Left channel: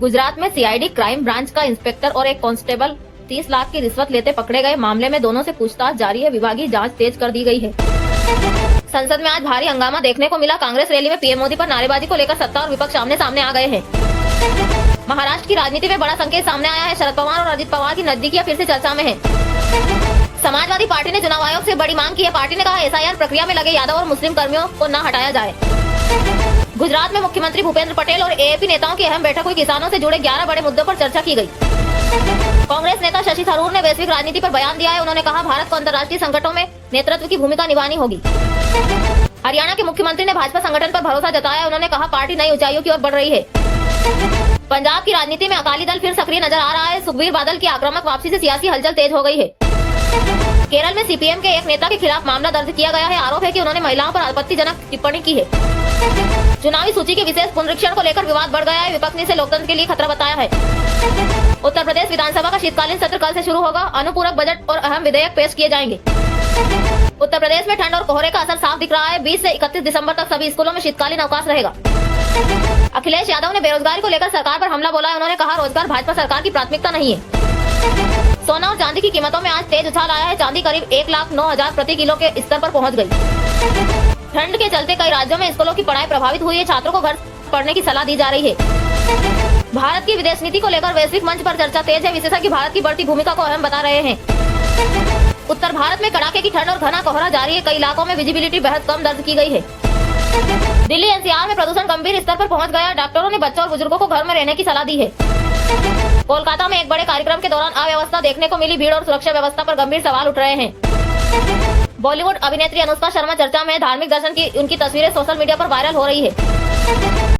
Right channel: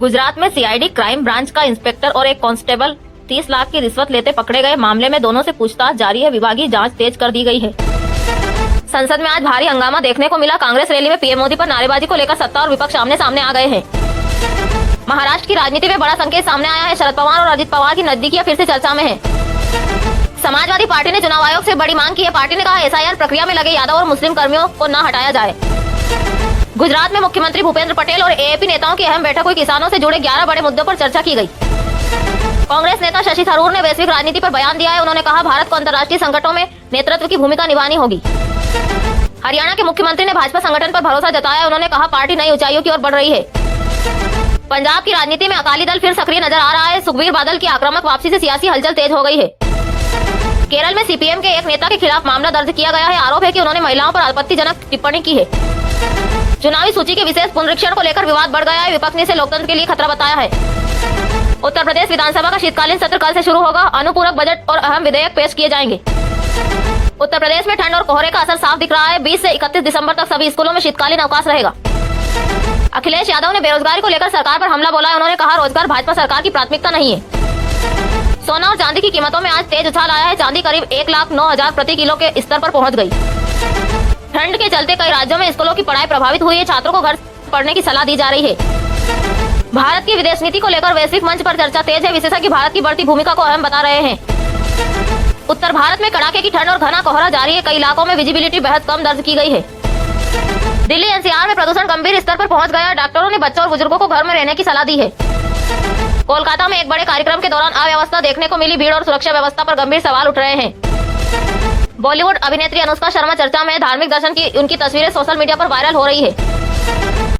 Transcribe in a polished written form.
गुजरात में CID crime branch का inspector और एक कांस्टेबल 30 लाख की रिश्वत लेते पकड़े गए। मामले में दोनों से पूछताछ जारी है। विभागीय जांच तेज कर दी गई है। संसद में आज भारी हंगामा देखने को मिला। कांग्रेस रैली में पीएम मोदी पर नारेबाजी को लेकर सत्ता और विपक्ष आमने सामने आ गए हैं। महाराष्ट्र की राजनीति में बड़ा संकेत सामने आया है। शरद पवार और अजित पवार की नजदीकियां फिर से चर्चा में है। समाजवादी पार्टी ने चुनाव आयोग से बड़ी मांग की है। पार्टी ने कहा एसआईआर प्रक्रिया में लगे यादव और मुस्लिम कर्मियों को न हटाया जाए। गुजरात में मुख्यमंत्री भूपेंद्र पटेल और एएपी नेताओं की अहम बैठक हुई। किसानों से जुड़े 11 बड़े मुद्दों पर चर्चा की गई। कांग्रेस नेता शशि थरूर ने वैश्विक राजनीति पर बयान दिया है। उन्होंने कहा भारत को अंतर्राष्ट्रीय संकटों में नेतृत्व की भूमिका निभानी होगी। हरियाणा के मुख्यमंत्री ने भाजपा संगठन पर भरोसा जताया। उन्होंने कहा पार्टी नई ऊंचाइयों की ओर बढ़ रही है। पंजाब की राजनीति में अकाली दल फिर सक्रिय नजर आ रहा है। सुखबीर बादल की आक्रामक वापसी से सियासी हलचल तेज हो गई है। केरल में सीपीएम के एक नेता के खिलाफ मामला दर्ज किया गया है। आरोप है कि उन्होंने महिलाओं पर आपत्तिजनक टिप्पणी की है। चुनावी सूची के विशेष पुनरीक्षण को लेकर विवाद बढ़ गया है। विपक्ष ने इसे लोकतंत्र के लिए खतरा बताया है। उत्तर प्रदेश विधानसभा का शीतकालीन सत्र कल से शुरू होगा। अनुपूरक बजट और अहम विधेयक पेश किए जाएंगे। उत्तर प्रदेश में ठंड और कोहरे का असर साफ दिख रहा है। 20 से 31 दिसंबर तक सभी स्कूलों में शीतकालीन अवकाश रहेगा। अखिलेश यादव ने बेरोजगारी को लेकर सरकार पर हमला बोला है। उन्होंने कहा रोजगार भाजपा सरकार की प्राथमिकता नहीं है। सोना और चांदी की कीमतों में आज तेज उछाल आया है। चांदी करीब 1,09,000 प्रति किलो के स्तर पर पहुंच गई। ठंड के चलते कई राज्यों में स्कूलों की पढ़ाई प्रभावित हुई है। छात्रों को घर पढ़ने की सलाह दी जा रही है। भारत की विदेश नीति को लेकर वैश्विक मंच पर चर्चा तेज है। विशेषज्ञ भारत की बढ़ती भूमिका को अहम बता रहे हैं। उत्तर भारत में कड़ाके की ठंड और घना कोहरा जारी है। कई इलाकों में विजिबिलिटी बेहद कम दर्ज की गई है। दिल्ली एनसीआर में प्रदूषण गंभीर स्तर पर पहुंच गया। डॉक्टरों ने बच्चों और बुजुर्गों को घर में रहने की सलाह दी है। कोलकाता में एक बड़े कार्यक्रम के दौरान अव्यवस्था देखने को मिली। भीड़ और सुरक्षा व्यवस्था पर गंभीर सवाल उठ रहे हैं। बॉलीवुड अभिनेत्री अनुष्का शर्मा चर्चा में। धार्मिक दर्शन की उनकी तस्वीरें सोशल मीडिया पर वायरल हो रही है।